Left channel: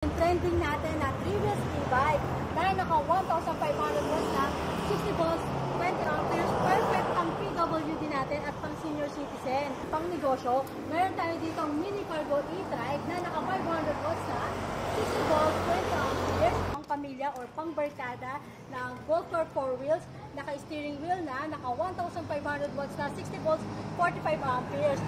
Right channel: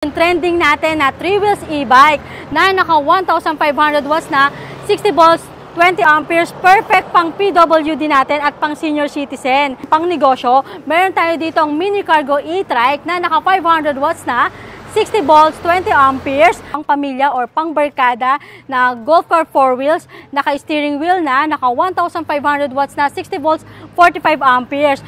Trending natin na 3 wheels e-bike na naka 1,500 watts na 60 volts 20 amperes, perfect pang PWD natin at pang senior citizen. Pang negosyo, meron tayo dito ang mini cargo e-trike na naka 500 watts na 60 volts 20 amperes, pang pamilya or pang barkada na golf car 4 wheels, naka steering wheel na naka 1,500 watts na 60 volts 45 amperes.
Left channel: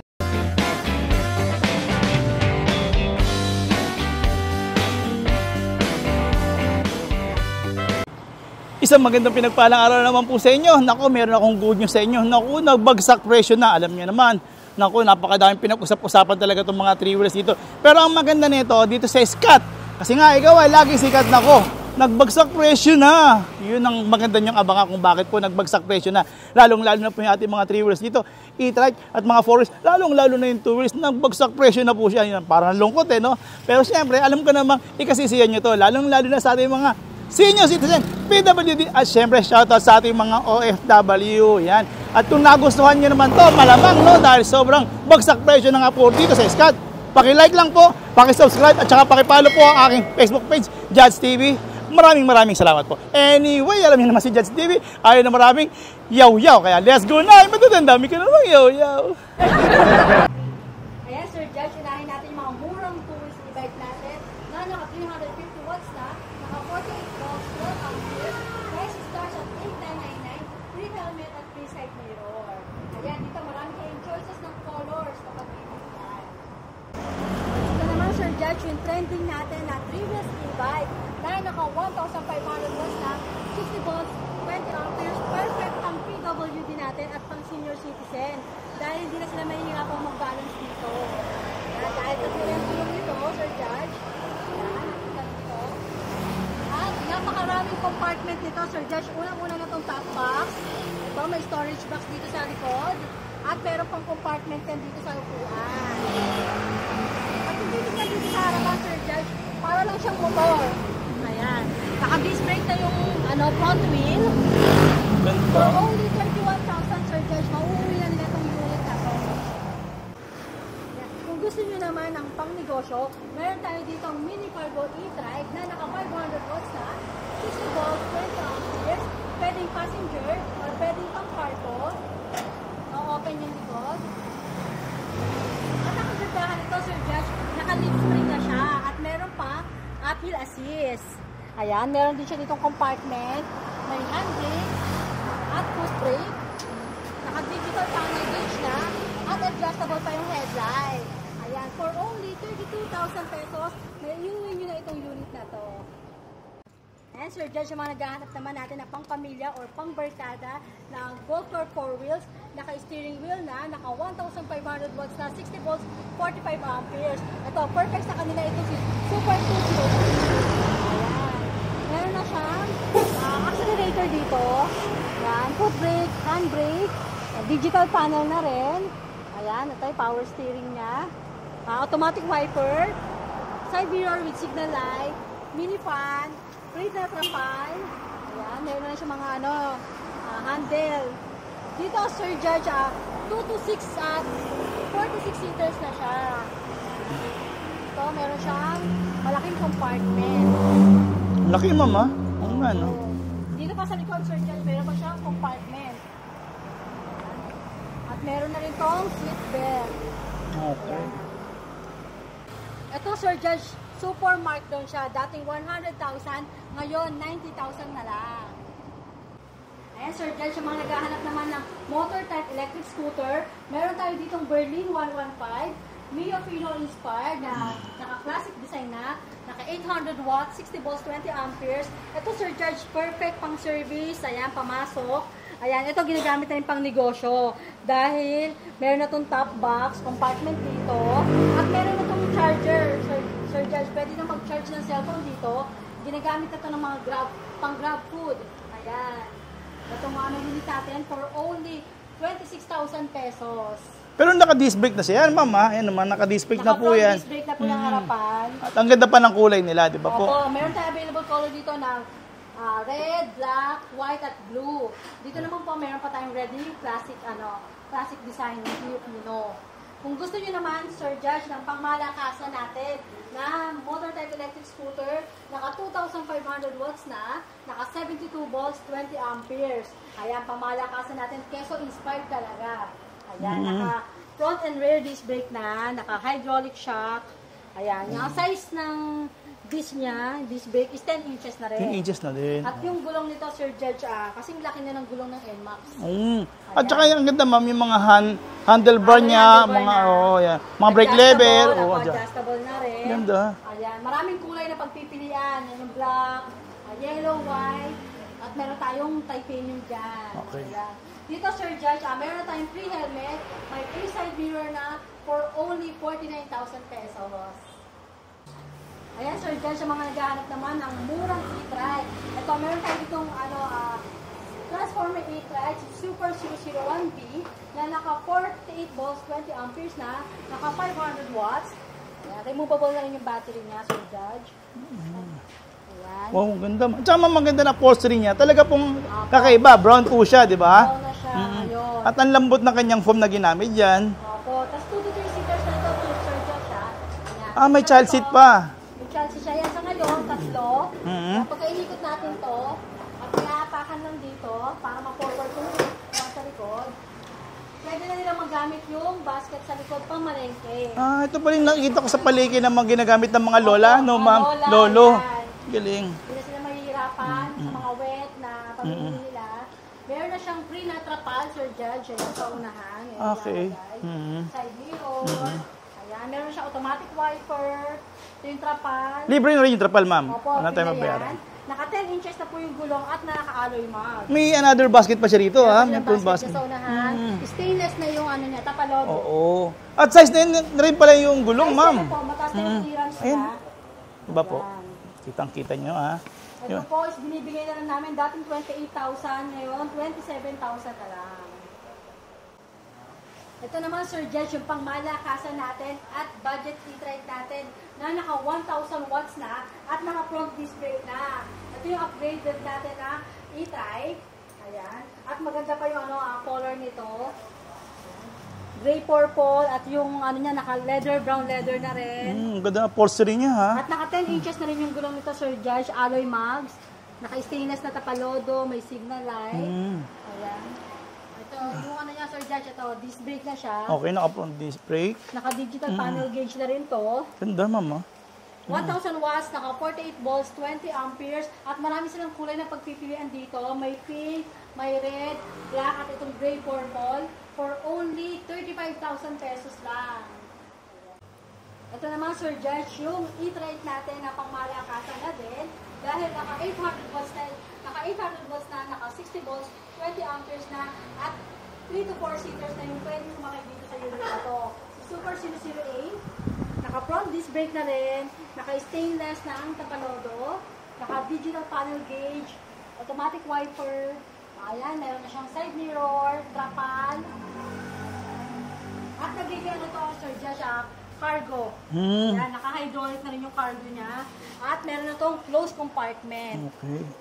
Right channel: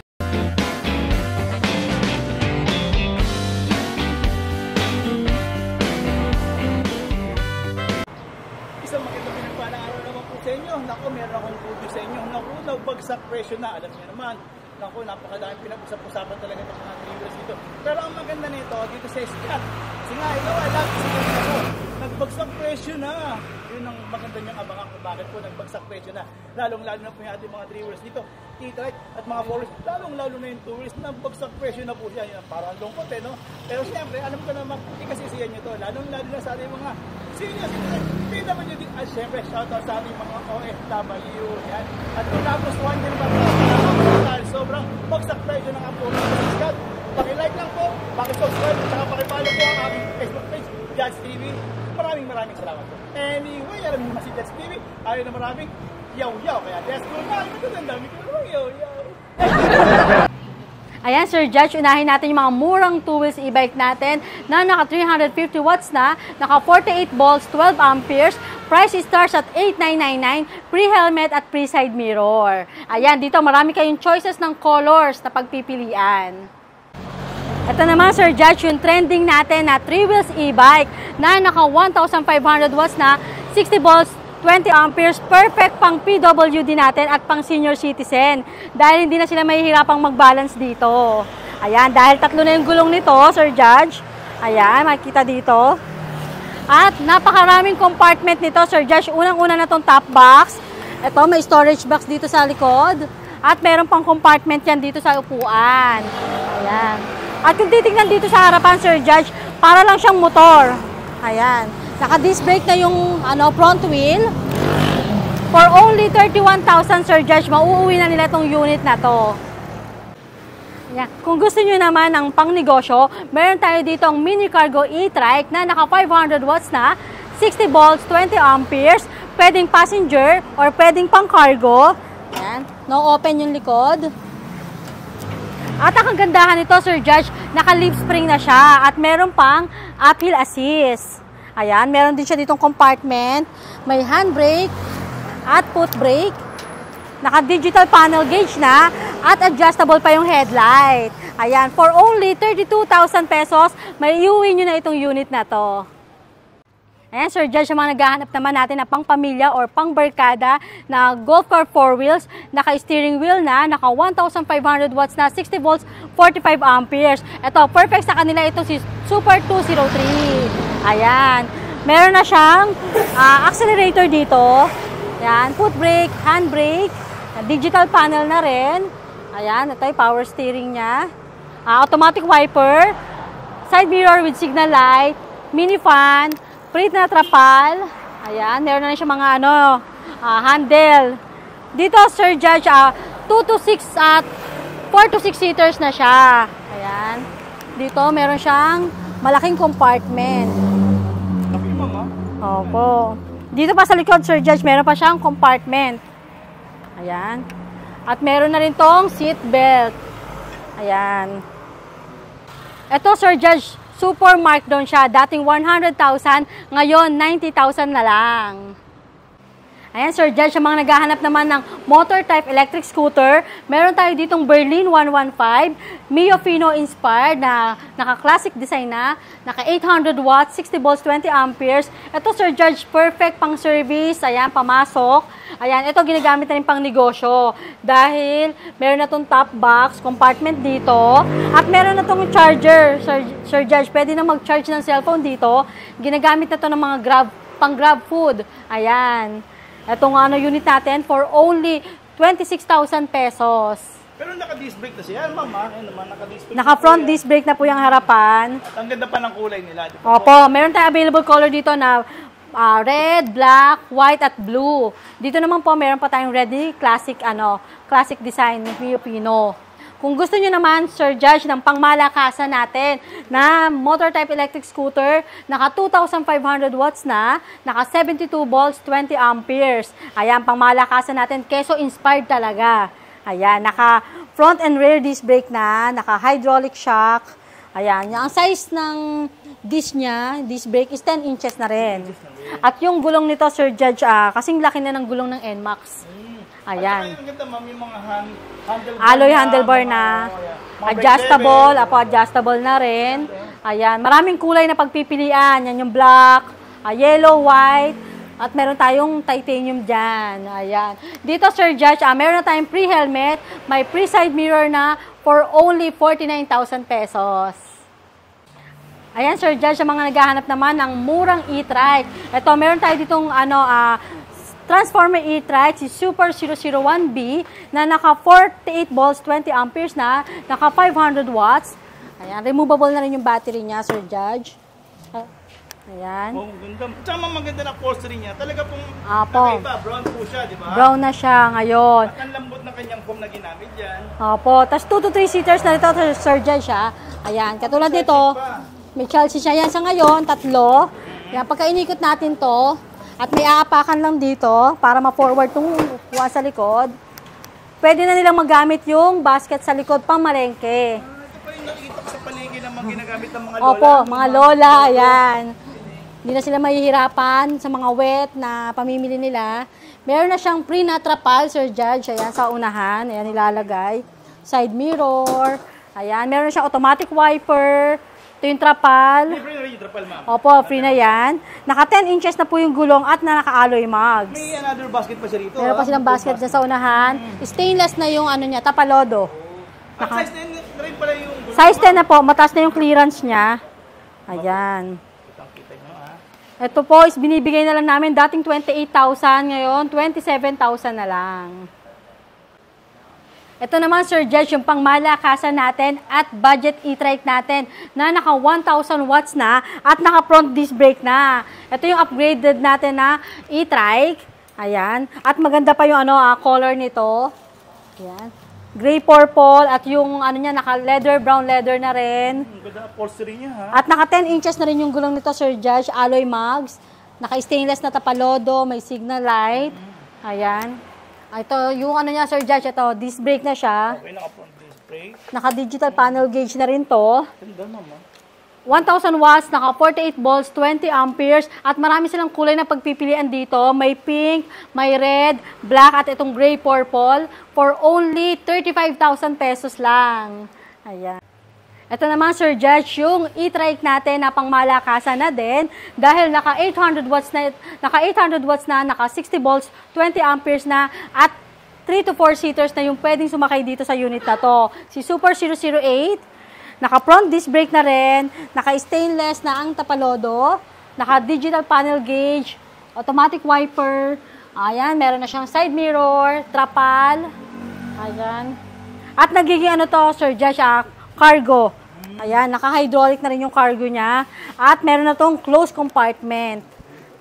Isang magandang pinagpalang araw naman po sa inyo. Naku, meron akong good news sa inyo. Naku, nagbagsak presyo na. Alam niyo naman. Naku, napakadaming pinag-usap-usapan talaga itong mga 3 wheels dito. Pero ang maganda nito, dito sa Scott. Kasi nga, ikaw ay lagi sikat na ko. Nagbagsak presyo na. Yun ang maganda niyong abangan kung bakit po nagbagsak presyo na. Lalong-lalo na po yung ating mga 3 wheels dito. E-trike at mga 4 wheels. Lalong-lalo na yung 2 wheels. Nagbagsak presyo na po siya. Yun, parang lungkot no? Pero siyempre, alam ko namang ikasisiyan nyo to. Lalong-lalo na sa ating mga senior citizen, PWD, at syempre shoutout sa ating mga OFW. Yan. At kung nagustuhan nyo naman to, malamang no, dahil sobrang bagsak presyo na nga po dito sa Scott. Paki-like lang po, paki-subscribe at saka paki-follow po ang aking Facebook page, Judge TV. Maraming salamat po. Anyway, alam niyo naman si Judge TV, ayaw na maraming yaw-yaw. Kaya let's go na! Matutandami ka naman yaw-yaw. Ayan, Sir Judge, unahin natin yung mga murang 2 wheels e-bike natin na naka 350 watts na, naka 48 volts, 12 amperes. Price starts at 8,999, pre-helmet at pre-side mirror. Ayan, dito marami kayong choices ng colors na pagpipilian. Ito naman, Sir Judge, yung trending natin na 3 wheels e-bike na naka 1,500 watts na 60 volts, 20 amperes, perfect pang PWD natin at pang senior citizen. Dahil hindi na sila mahihirapang mag-balance dito. Ayan, dahil tatlo na yung gulong nito, Sir Judge. Ayan, makikita dito. At napakaraming compartment nito, Sir Judge. Unang-una na itong top box. Ito, may storage box dito sa likod. At meron pang compartment yan dito sa upuan. Ayan. At kung titignan dito sa harapan, Sir Judge, para lang siyang motor. Ayan. Naka-disc brake na yung front wheel. For only 31,000, Sir Judge, mauuwi na nila itong unit na to. Yeah. Kung gusto nyo naman ng pang-negosyo, meron tayo dito ang mini cargo e-trike na naka 500 watts na, 60 volts, 20 amperes. Pwedeng passenger or pwedeng pang-cargo. Yan. No open yung likod. At ang kagandahan nito, Sir Judge, naka-leaf spring na siya at meron pang uphill assist. Ayan, meron din siya ditong compartment. May handbrake at foot brake. Naka-digital panel gauge na at adjustable pa yung headlight. Ayan, for only 32,000 pesos, may iuwi nyo na itong unit na to. Ayan, Sir Judge, yung mga naghahanap naman natin na pang pamilya or pang barkada na golf car 4 wheels, naka-steering wheel na, naka 1,500 watts na, 60 volts, 45 amperes. Ito, perfect sa kanila itong si Super 203. Ayan. Meron na siyang accelerator dito. Ayan, foot brake, hand brake, digital panel na rin. Ayan, ito yung power steering niya. Automatic wiper, side mirror with signal light, mini fan, plate na trapal. Ayan, meron na siyang mga handle. Dito, Sir Judge, 2 to 6 at 4 to 6 seaters na siya. Ayan. Dito, meron siyang malaking compartment. Laki, mama. Opo. Dito pa sa likod, Sir Judge, meron pa siyang compartment. Ayan. At meron na rin tong seat belt. Ayan. Ito, Sir Judge, super markdown siya. Dating 100,000, ngayon 90,000 na lang. Ayan, Sir Judge, sa mga naghahanap naman ng motor type electric scooter, meron tayo ditong Berlin 115, Mio Fino inspired na naka-classic design na, naka 800 watts, 60 volts, 20 amperes. Ito, Sir Judge, perfect pang service. Ayan, pamasok. Ayan, ito ginagamit na rin pang negosyo. Dahil meron na itong top box, compartment dito, at meron na itong charger. Sir Judge, pwede na mag-charge ng cellphone dito. Ginagamit na ito ng mga pang grab food. Ayan. Itong unit natin for only 26,000 pesos. Pero naka-disc brake na siya. Yan, mama. Yan naman, naka-disc brake na po yan. Naka-front disc brake na po yung harapan. At ang ganda pa ng kulay nila, di ba po? Opo, meron tayo available color dito na red, black, white, at blue. Dito naman po, meron pa tayong red classic, classic design ng Mio Fino. Kung gusto nyo naman, Sir Judge, ng pangmalakasan natin na motor type electric scooter, naka 2,500 watts na, naka 72 volts, 20 amperes. Ayan, pangmalakasan natin, keso inspired talaga. Ayan, naka front and rear disc brake na, naka hydraulic shock. Ayan, ang size ng disc niya, disc brake is 10 inches na rin. 10 inches na rin. At yung gulong nito, Sir Judge, kasing laki na ng gulong ng NMAX. At saka yung ganda, ma'am, yung mga handlebar Alloy niya. handlebar na. Mga brake Adjustable, level. adjustable na rin. Ganda. Ayan, maraming kulay na pagpipilian. Yan yung black, yellow, white, at meron tayong titanium dyan. Ayan. Dito, Sir Judge, meron na tayong pre-helmet, may pre-side mirror na for only 49,000 pesos. Ayan, Sir Judge, sa mga naghahanap naman ng murang e-trike. Ito, meron tayo ditong Transformer e-trike, si Super 001B, na naka 48 volts, 20 amperes na, naka 500 watts. Ayan, removable na rin yung battery niya, Sir Judge. Ayan. Oh, ganda. At saka maganda na upholstery niya. Talaga pong kakaiba. Brown po siya, di ba? Brown na siya ngayon. At ang lambot ng kanyang foam na ginamit dyan. Opo. Tapos 2 to 3 seaters na ito, Sir Judge, ha? Ayan. May child seat pa. May child seat siya. Yan sa ngayon, 3. Yan, pagka inikot natin to, at may aapakan lang dito para ma-forward itong upuan sa likod, pwede na nilang magamit yung basket sa likod pang malengke. Ito pa rin nakikita ko sa palengke na mga ginagamit ng mga lola. Opo, mga lola, Lolo. yan. Galing. Hindi na sila mahihirapan sa mga wet na pamimili nila. Meron na siyang pre-natrapal, Sir Judge, ayan, sa unahan. Ayan, nilalagay. Side mirror. Ayan, meron na siyang automatic wiper. Ito yung trapal. Libre na rin yung trapal, ma'am. Opo, free na yan. Naka 10 inches na po yung gulong at na naka-alloy mags. May another basket pa siya rito, Meron ha? pa silang basket dyan sa unahan. Stainless na yung ano niya, tapalodo. Oo. At size na rin pala yung gulong, Size 10 ma'am. na po, mataas na yung clearance niya. Diba po? Ayan. Kitang-kita nyo, ha? Ito po is binibigay na lang namin dating 28,000, ngayon 27,000 na lang. Ito naman, Sir Judge, yung pangmalakasan natin at budget e-trike natin na naka 1,000 watts na at naka front disc brake na. Ito yung upgraded natin na e-trike. Ayan. At maganda pa yung color nito. Ayan. Gray purple at yung niya naka leather, brown leather na rin. Ganda na upholstery niya, ha? At naka 10 inches na rin yung gulong nito, Sir Judge, alloy mags. Naka stainless na tapalodo, may signal light. Ayan. Ito, yung niya, Sir Judge, ito, disc brake na siya. Okay, naka-front disc brake. Naka-digital panel gauge na rin to. Ganda, ma'am, ha? 1,000 watts, naka 48 volts, 20 amperes, at marami silang kulay na pagpipilian dito. May pink, may red, black, at itong gray purple for only 35,000 pesos lang. Ayan. Ito naman, Sir Judge, yung e-trike natin na pangmalakasan na din dahil naka 800 watts na, naka 60 volts, 20 amperes na, at 3 to 4 seaters na yung pwedeng sumakay dito sa unit na to. Si Super 008, naka front disc brake na rin, naka stainless na ang tapalodo, naka digital panel gauge, automatic wiper, ayan, meron na siyang side mirror, trapal, ayan. At nagiging Sir Judge, cargo. Ayan, naka-hydraulic na rin yung cargo niya. At meron na tong closed compartment.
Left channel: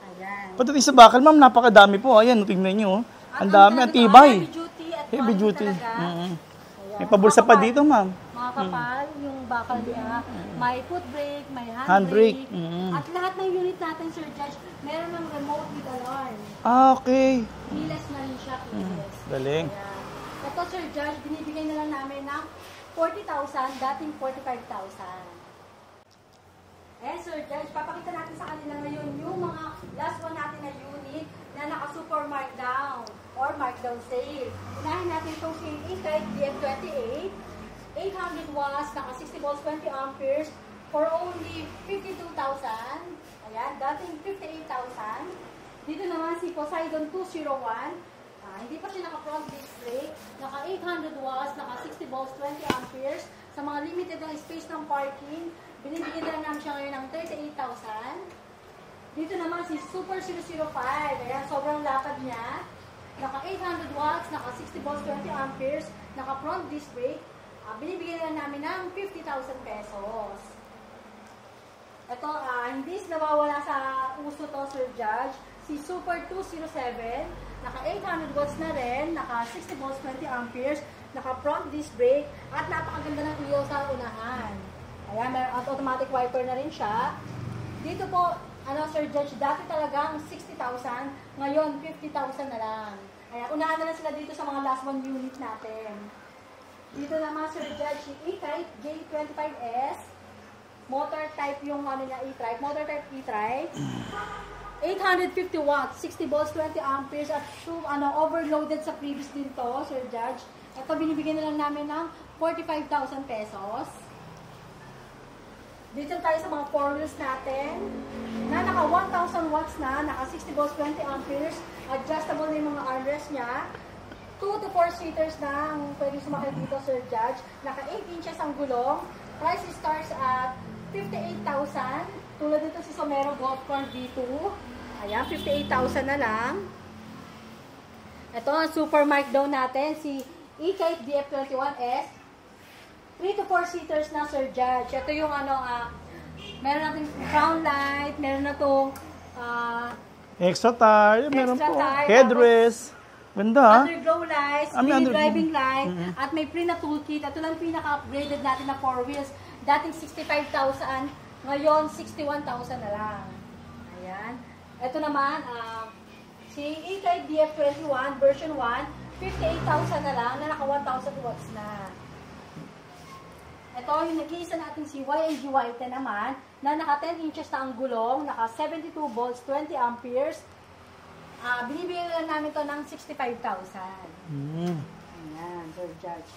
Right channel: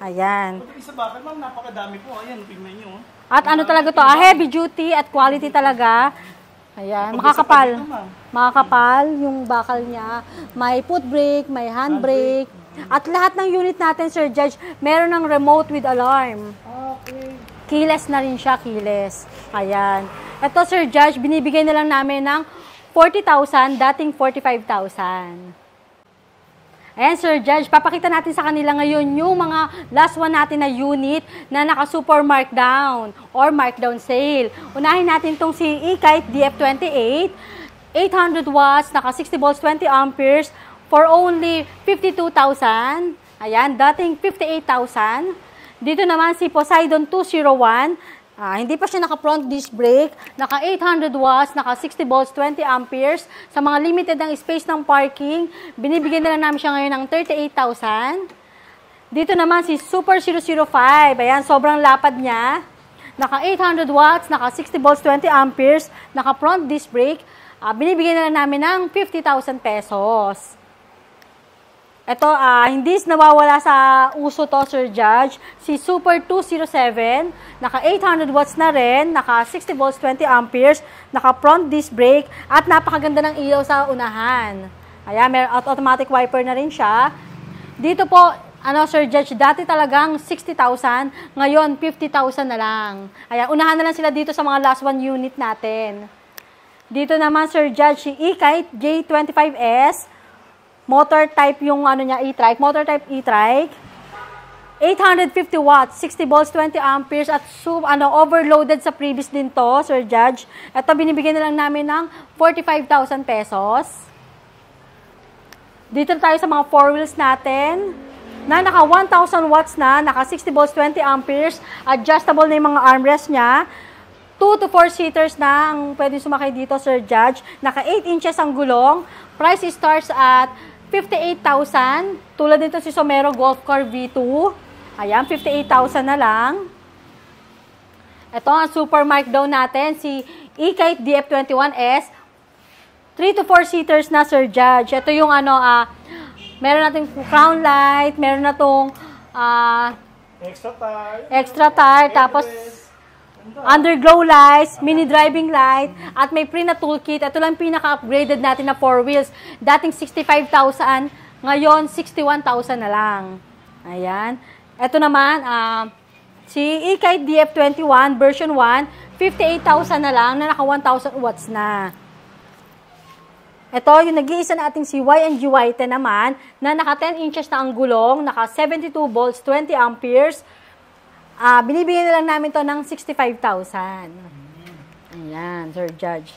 Ayan. Pati sa bakal, ma'am, napakadami po. Ayan, tingnan nyo. At Ang dami, talaga to, tibay. heavy duty at quality talaga. Ayan, Pabulsa pa dito, ma'am. Makakapal yung bakal niya. May foot brake, may handbrake. At lahat ng unit natin, Sir Judge, meron ng remote with alarm. Okay. Keyless na rin siya, keyless. Galing. Ayan. Ito, Sir Judge, binibigay na lang namin ng 40,000, dating 45,000. Ayan, Sir Judge, papakita natin sa kanila ngayon yung mga last one natin na unit na naka-super markdown or markdown sale. Unahin natin itong si e-kite DF28, 800 watts, naka 60 volts, 20 amperes for only 52,000. Ayan, dating 58,000. Dito naman si Poseidon 201, hindi pa siya naka-front disc brake, naka 800 watts, naka 60 volts, 20 amperes. Sa mga limited ng space ng parking, binibigyan na lang namin siya ngayon ng 38,000. Dito naman si Super 005, ayan, sobrang lapad niya. Naka 800 watts, naka 60 volts, 20 amperes, naka front disc brake. Binibigyan na lang namin ng 50,000 pesos. Ito, hindi nawawala sa uso to, Sir Judge. Si Super 207, naka 800 watts na rin, naka 60 volts, 20 amperes, naka front disc brake, at napakaganda ng ilaw sa unahan. Ayan, may automatic wiper na rin siya. Dito po, Sir Judge, dati talagang 60,000, ngayon 50,000 na lang. Ayan, unahan na lang sila dito sa mga last one unit natin. Dito naman, Sir Judge, si E-Kite J25S, motor type yung niya e-trike, motor type e-trike. 850 watts, 60 volts, 20 amperes at overloaded sa previous din to, Sir Judge. Ito binibigyan na lang namin ng 45,000 pesos. Dito tayo sa mga four wheels natin na naka 1,000 watts na, naka 60 volts, 20 amperes, adjustable na yung mga armrest niya. 2 to 4 seaters na ang pwede sumakay dito, Sir Judge. Naka 8 inches ang gulong. Price starts at 58,000. Tulad nito si Somero Golf Car V2. Ayan, 58,000 na lang. Ito ang super mic daw natin, si E-Kite DF21S. 3 to 4 seaters na, Sir Judge. Ito yung meron natin crown light, meron na tong extra tire. Tapos ganda, underglow lights, mini driving light, at may pre na toolkit. Ito lang pinaka-upgraded natin na 4 wheels. Dating 65,000, ngayon 61,000 na lang. Ayan. Ito naman, si E-Kite DF21 version 1, 58,000 na lang na naka 1,000 watts na. Ito, yung nag-iisa nating si Y&G White naman, na naka 10 inches na ang gulong, naka 72 volts, 20 amperes. Binibigyan na lang namin to ng 65,000. Ayan, Sir Judge.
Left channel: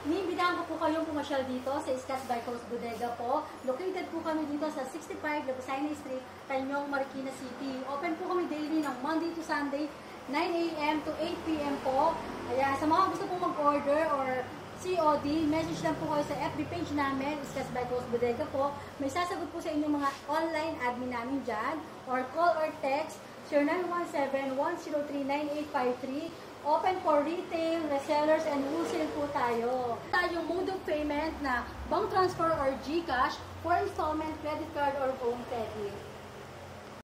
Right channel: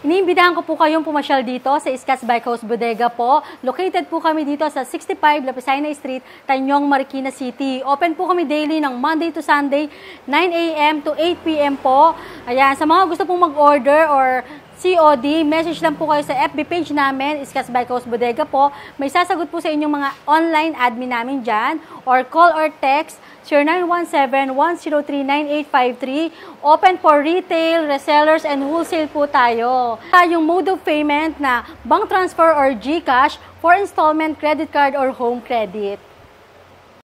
Iniimbitahan ko po kayong pumasyal dito sa Scotts Bike House Bodega po. Located po kami dito sa 65 Lapicina Street, Tanyong, Marikina City. Open po kami daily ng Monday to Sunday, 9 a.m. to 8 p.m. po. Ayan, sa mga gusto pong mag-order or COD, message lang po kayo sa FB page namin, Scotts Bike House Bodega po. May sasagot po sa inyong mga online admin namin dyan. Or call or text 0917-103-9853. Open for retail, resellers, and wholesale po tayo. Yung mode of payment na bank transfer or GCash for installment, credit card, or home credit.